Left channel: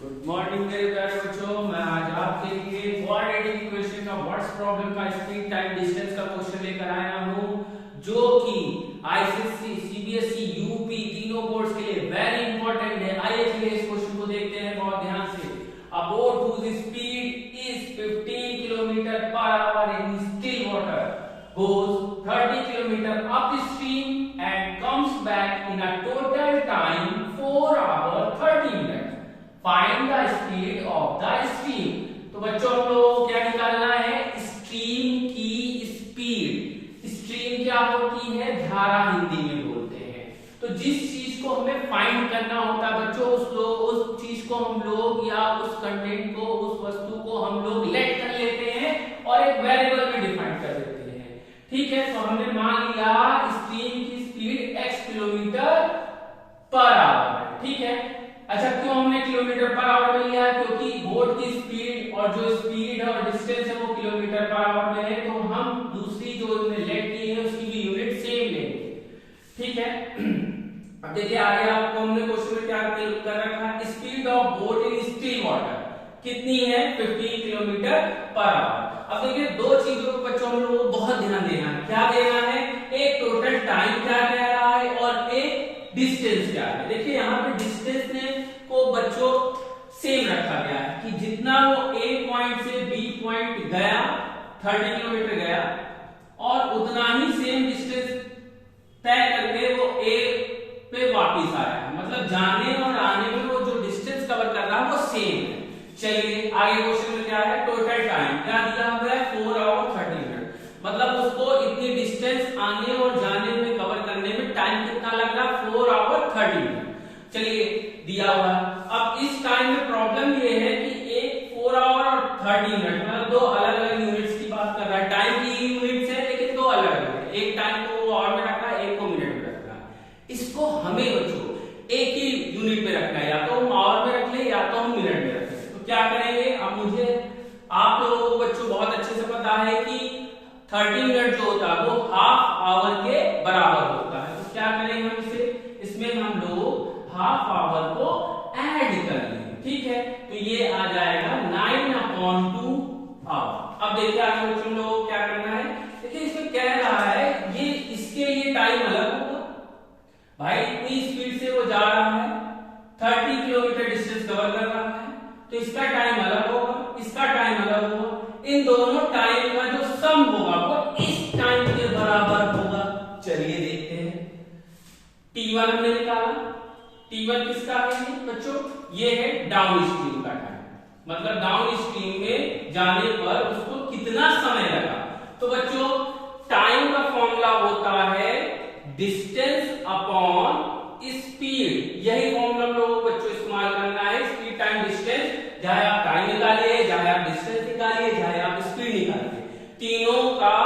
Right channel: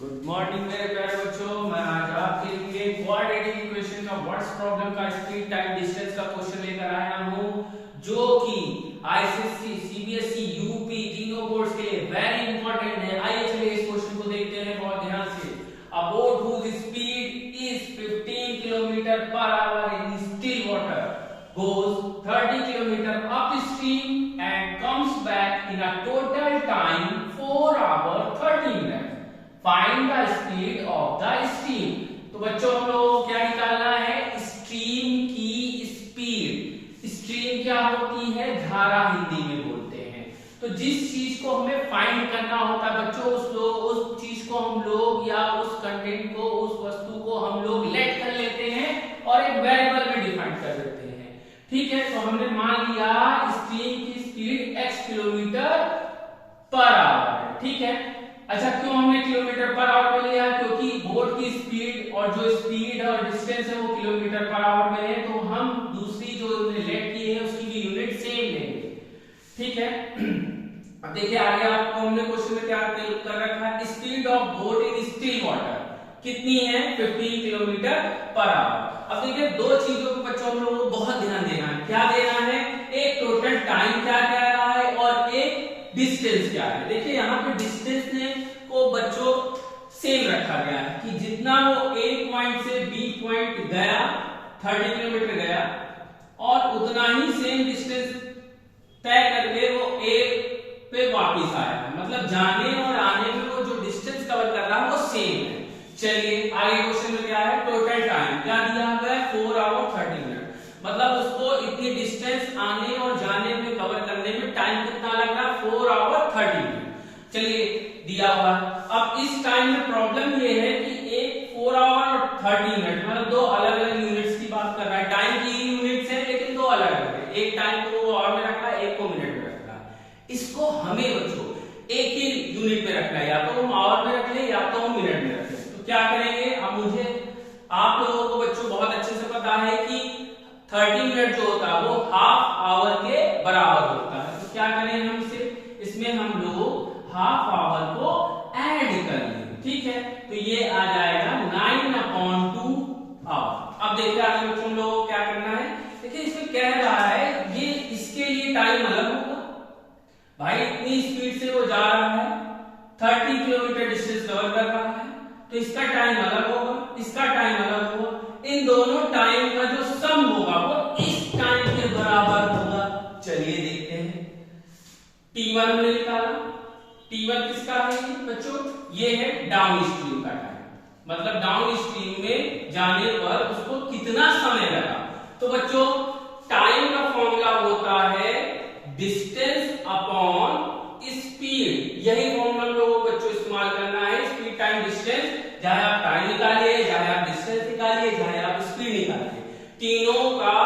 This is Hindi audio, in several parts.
गुड मॉर्निंग मेरे प्यारे बच्चों। मैं आज आपके लिए क्वाड्रेटिक इक्वेशन का व्हाट्स प्रॉब्लम का स्पीड टाइम डिस्टेंस का क्वेश्चन लेकर आया हूं, जो कि आईसीएससी, सीबीएसई, यूपी तीनों बोर्ड्स के लिए वेरी इंपॉर्टेंट है। आइए चलिए इस क्वेश्चन को देखते हैं बहुत ध्यान से। A boat whose speed is 15 kilometre per hour in still water goes 30 kilometer upstream and comes back in a total time 4 hours 30 minutes. Find the speed of the stream. तो बच्चों हम लोगों को क्या निकालना है? स्ट्रीम की स्पीड। स्ट्रीम क्या होती है? धारा हिंदी में बोलते हैं। तो जिस चीज को हमें फाइंड करना होता है बच्चों, उस चीज को हम लोग या उस कंटेंट को, उस वस्तु को हम लोग लेट कर लेते हैं और एक वेरिएबल में डिफाइन कर देते हैं। ठीक है, तो हमने मान लिया स्ट्रीम की speed x kilometre per our है। ठीक है, अच्छा क्यों हमने किलोमीटर पर आवर में लिया? क्योंकि बोट की स्पीड और जो स्पीड और डिस्टेंस है वो किलोमीटर पर आवर में है, तो हम दूसरी जो लेट की है उसकी भी यूनिट सेम लेंगे। ठीक है, अब देखिए आगे आपको हमने क्वेश्चन में क्या कर रखा है? Speed of boat in still water कितनी है? 15 किलोमीटर पर आवर। अब देखिए दो चीजों को बच्चों हम लोगों को बहुत ध्यान देना है। क्या देना है? एक टोटल टाइम क्या कह रहा है और एक डिस्टेंस क्या है। देखिए यहाँ पे डिस्टेंस ने को बच्चों सेम रखा गया है कि जितना वो ए पॉइंट से बी पॉइंट गया 30 किलोमीटर गया और उतना ही सेम डिस्टेंस तय करके वो ए पे वापिस आया है। मतलब जाने और आने में वो जो डिस्टेंस कवर कर रहा है वो सेम है। चलिए आगे क्वेश्चन में क्या है? टोटल टाइम क्या दिया हुआ है? 4 आवर 30 मिनट। मतलब उसको इतनी डिस्टेंस आने और जाने में कवर करने में टाइम कितना लग रहा है? 4 आवर 30 मिनट। चलिए दिया हुआ है। अब इस टाइम में प्रॉब्लम ये है कि एक 4 आवर और 30 मिनट मतलब दो अलग अलग यूनिट्स की बात कर रहा है। टाइम की यूनिट्स है लेकिन दो अलग अलग है। एक टाइम को वो आवर में रख रहा है, एक को मिनट में रख रहा है। इसको हमें बच्चों एक ही यूनिट में रखना है, या तो हम आवर में रख ले या तो हम मिनट में रख ले। तो क्या करेंगे? अब मुझे आप लोगों को बच्चों बहुत अच्छे से पता है कि 30 मिनट जो होता है वो हाफ आवर के बराबर होता है। तो क्या करेंगे हम इसे? इसमें हम लोग हाफ आवर को ऐड कर लेंगे। ठीक है, तो ये आ जाएगा 9/2 आवर। अब देखिए आगे बच्चों लोगों को क्या करना है। देखिए इसमें कह रहा है ये इसके लिए टाइम अलग होगा। भाई इतनी स्पीड से वो जा रहा है, 30 किलोमीटर डिस्टेंस कवर कर रहा है, तो इसका टाइम अलग होगा, इसका टाइम अलग होगा। इन दोनों टाइम का जो सम होगा वो इस टाइम के बराबर होगा। चलिए देखते हैं। T1 हमने निकाला। T1 किसका है बच्चों? ये है डाउन स्ट्रीम का टाइम। मतलब डाउन स्ट्रीम में जाने पर उसको कितना समय लगा। तो बच्चों टाइम का फॉर्मूला होता है डिस्टेंस अपॉन स्पीड। यही फॉर्मूला हम लोगों को बच्चों इस्तेमाल करना है। स्पीड टाइम डिस्टेंस, चाहे आप टाइम निकालिए, चाहे आप डिस्टेंस निकालिए, चाहे आप स्पीड निकालिए, तीनों का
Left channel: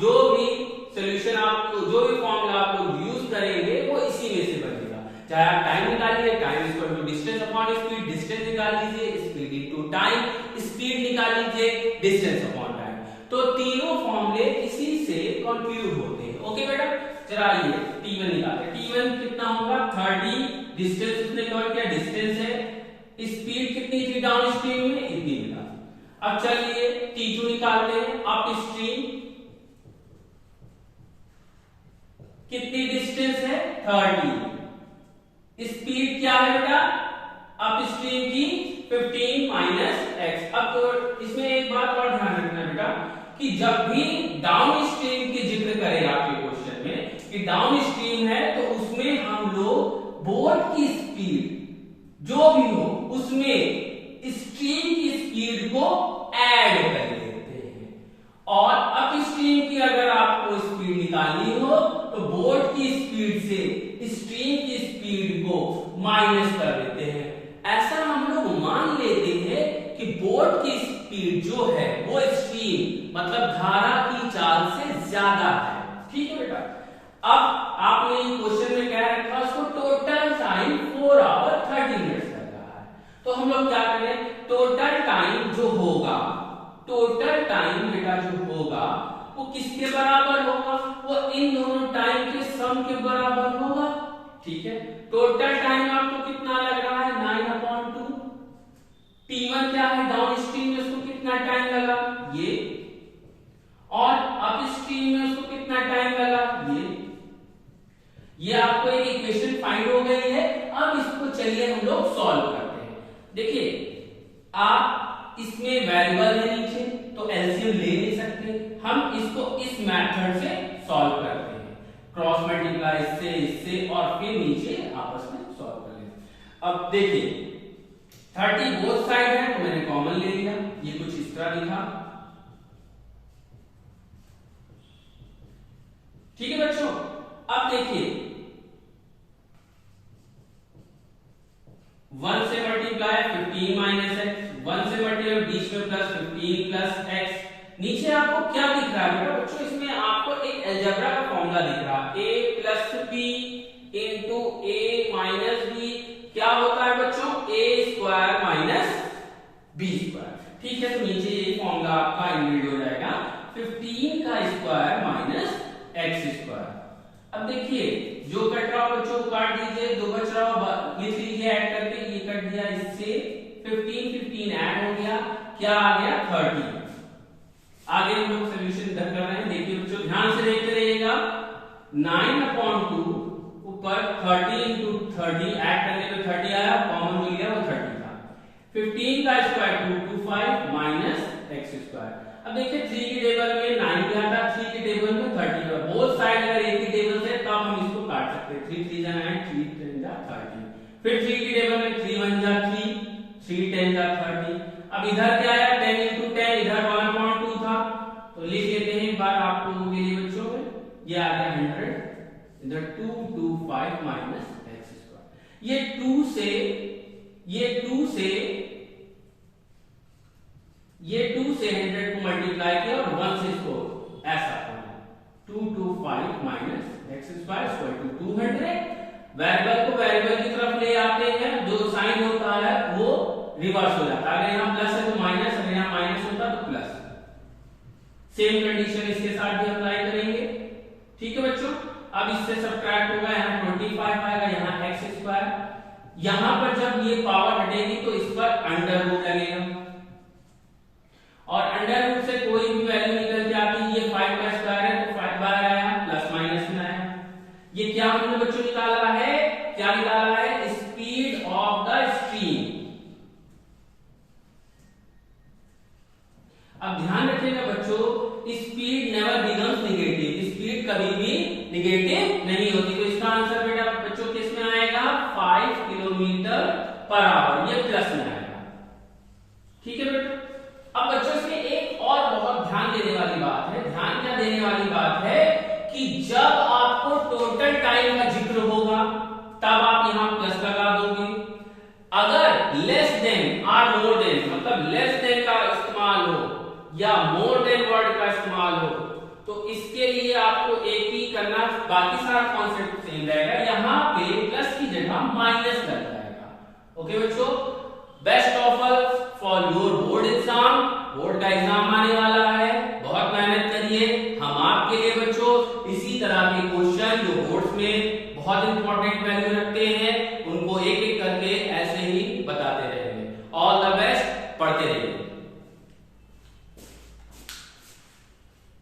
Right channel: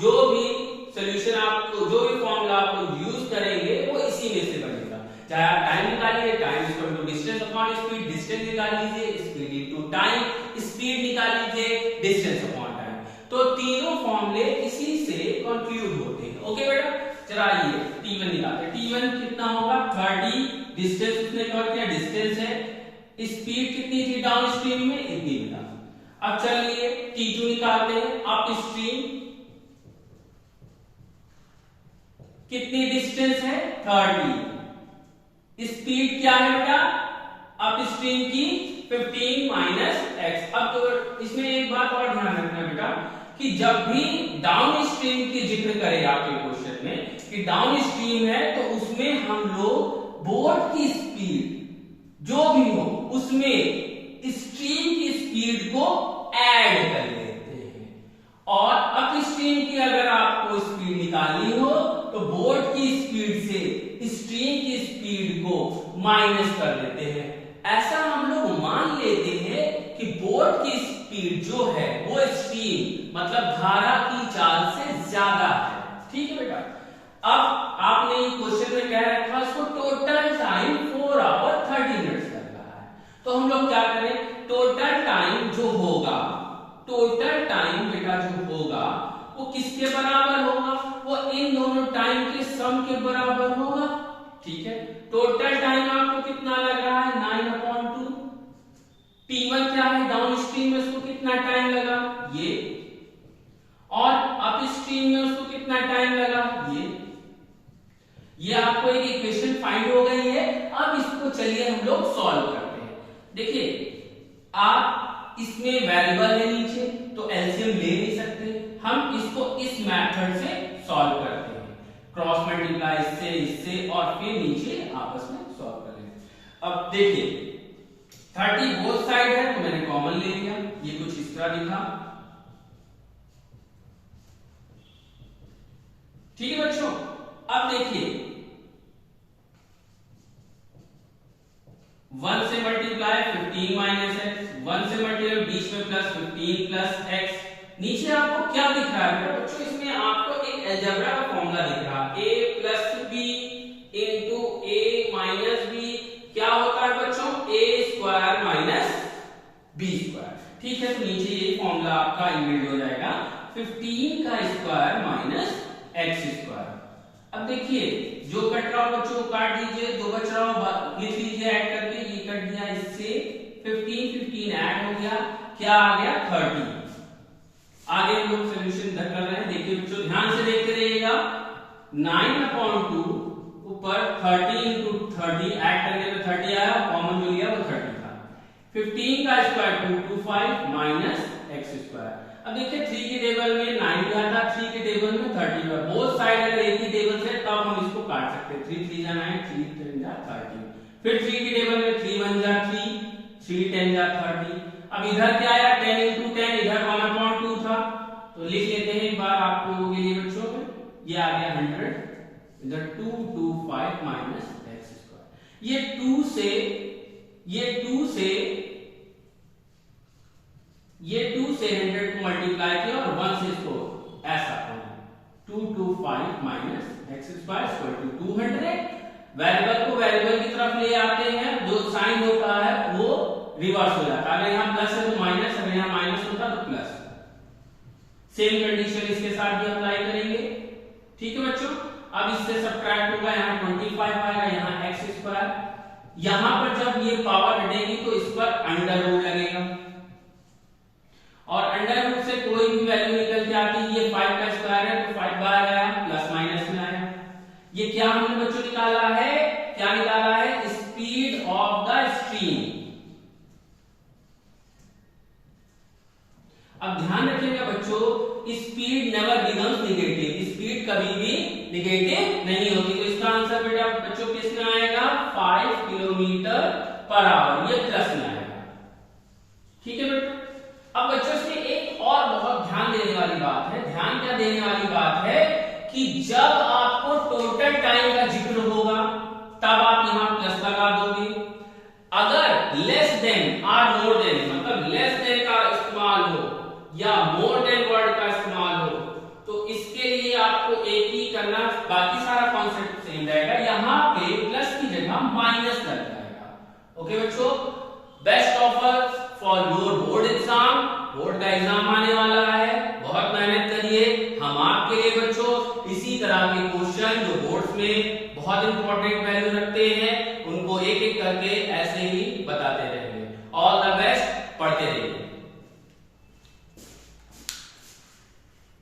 जो भी सॉल्यूशन आपको, जो भी फॉर्मूला आप लोग यूज करेंगे वो इसी में से बनेगा। चाहे आप टाइम निकालिए, time equal to distance upon speed, distance निकाल लीजिए, स्पीड इनटू टाइम, स्पीड निकाल लीजिए, डिस्टेंस अपॉन टाइम। तो तीनों फॉर्मूले इसी से कंक्लूड होते हैं। ओके बेटा, चला आइए T1 निकालते हैं। T1 कितना होगा? 30। डिस्टेंस उसने कवर किया, डिस्टेंस है। स्पीड कितनी थी डाउन स्ट्रीम में? इतनी मिला। अब चलिए T2 निकालते हैं। अप स्ट्रीम कितनी डिस्टेंस है? 30। स्पीड क्या है बेटा? अप स्ट्रीम की 15 माइनस x। अब तो इसमें एक बात और ध्यान रखना बेटा कि जब भी डाउन स्ट्रीम की जिक्र करें आपके क्वेश्चन में कि डाउन स्ट्रीम है, तो उसमें हम लोग बोट की स्पीड जो भी हो उसमें स्ट्रीम की स्पीड को ऐड कर लेते हैं। और अप स्ट्रीम की अगर आपको स्पीड निकालनी हो तो बोट की स्पीड से स्ट्रीम की स्पीड को माइनस कर लेते हैं। ऐसा हम लोग मान लेते हैं कि बोट की स्पीड जो है वो स्ट्रीम मतलब धारा की चाल से ज्यादा है। ठीक है बेटा, अब आपने क्वेश्चन में क्या रखा? उसको टोटल टाइम 4 आवर 30 मिनट लग रहा है। तो हम लोग क्या करें? टोटल टाइम जो होगा, टोटल टाइम बेटा जो होगा वो किसके बराबर होगा? वो इन दोनों टाइम के सम के बराबर होगा। ठीक है, टोटल टाइम आपको कितना लग रहा है? 9/2 T1 क्या है, डाउन स्ट्रीम में उसको कितना टाइम लगा ये, और अप स्ट्रीम में उसको कितना टाइम लगा ये आपको एक इक्वेशन फाइंड हो गई है। अब इसको चलिए हम लोग सॉल्व करते हैं। देखिए आप इसमें वेरिएबल है नीचे तो एलसीएम ले नहीं सकते, हम इसको इस मेथड से सॉल्व करते हैं, क्रॉस मल्टीप्लाई इससे और फिर नीचे आपस में सॉल्व करेंगे। अब देखिए 30 बोथ साइड है तो मैंने कॉमन ले लिया, ये कुछ इस तरह दिखा, ठीक है बच्चों। अब देखिए 1 से मल्टीप्लाई 15 माइनस एक्स, 1 से मल्टीप्लाई बीच में प्लस 15 प्लस एक्स, नीचे आपको क्या दिख रहा है बच्चों, इसमें आपको एक अलजेब्रा का फॉर्मूला दिख रहा है, a plus b into a minus b क्या होता है बच्चों, a square minus b square, ठीक है। तो नीचे ये फॉर्मूला आपका इनबिल्ट हो जाएगा 15 का स्क्वायर माइनस एक्स स्क्वायर। अब देखिए जो कट रहा हो बच्चों काट दीजिए, जो बच रहा हो लिख लीजिए ऐड करके, ये कट दिया, इससे 15 ऐड हो गया, क्या आ गया 30। आगे हम लोग सोल्यूशन कर रहे हैं, देखिए बच्चों ध्यान से देखते रहिएगा, 9/2 ऊपर 30 इंटू 30 ऐड करने पे 30 आया, कॉमन जो लिया वो 30 था, 15 का स्क्वायर 225 माइनस एक्स स्क्वायर। अब देखिए 3 की टेबल में 9 भी आता, 3 की टेबल में 30 भी, बोथ साइड अगर एक ही टेबल से तब हम इसको काट सकते हैं, 3 3 जा 9, 3 3 जा 30, फिर 3 की टेबल में 3 1 जा 3, 3 10 जा 30। अब इधर क्या आया 10 इंटू 10, इधर 1/2 था, तो लिख लेते हैं एक बार आप लोगों के लिए बच्चों में, ये आ गया 100, इधर 225 माइनस एक्स स्क्वायर। ये 2 से ये 2 से 100 को मल्टीप्लाई किया और 1 से इसको ऐसा 225 minus x square equal to 200। Variable को वेरिएबल की तरफ ले आते हैं, जो साइन होता है वो रिवर्स हो जाता है, अगर यहाँ प्लस है तो माइनस, अगर यहाँ माइनस होता तो प्लस। सेम कंडीशन इसके साथ भी अप्लाई करेंगे, ठीक है बच्चों। अब इससे सब्ट्रैक्ट होगा, यहाँ 25 आएगा, यहाँ एक्स स्क्वायर, यहां पर जब ये पावर हटेगी तो इस पर अंडर रूट लगेगा, और अंडर रूट से कोई भी वैल्यू निकल के आती है, ये 5 का स्क्वायर है तो 5 बाहर आया, प्लस माइनस में आया। ये क्या हमने बच्चों निकाला है, क्या निकाला है, स्पीड ऑफ द स्ट्रीम। अब ध्यान रखिएगा बच्चों, speed never becomes negative, speed कभी भी नेगेटिव नहीं होती, तो इसका आंसर बेटा बच्चों किस में आएगा 5 किलोमीटर पर आवर, ये प्लस में आएगा, ठीक है बेटा। अब बच्चों इसमें एक और बहुत ध्यान देने वाली बात है, ध्यान क्या देने वाली बात है कि जब आपको टोटल टाइम का जिक्र होगा तब आप यहां प्लस लगा दोगे, अगर लेस देन और मोर देन, मतलब लेस देन का इस्तेमाल हो या मोर देन वर्ड का इस्तेमाल हो, तो इसके लिए आपको एक ही करना, बाकी सारा कॉन्सेप्ट सेम रहेगा, यहां पे प्लस की जगह माइनस लग जाएगा। ओके बच्चों, best of all for your board exam, board का एग्जाम आने वाला है, बहुत मेहनत करिए, हम आपके लिए बच्चों इसी तरह के क्वेश्चन जो बोर्ड्स में बहुत इंपॉर्टेंट वैल्यू रखते हैं उनको एक एक करके ऐसे ही बताते रहेंगे। ऑल द बेस्ट, पढ़ते रहिए।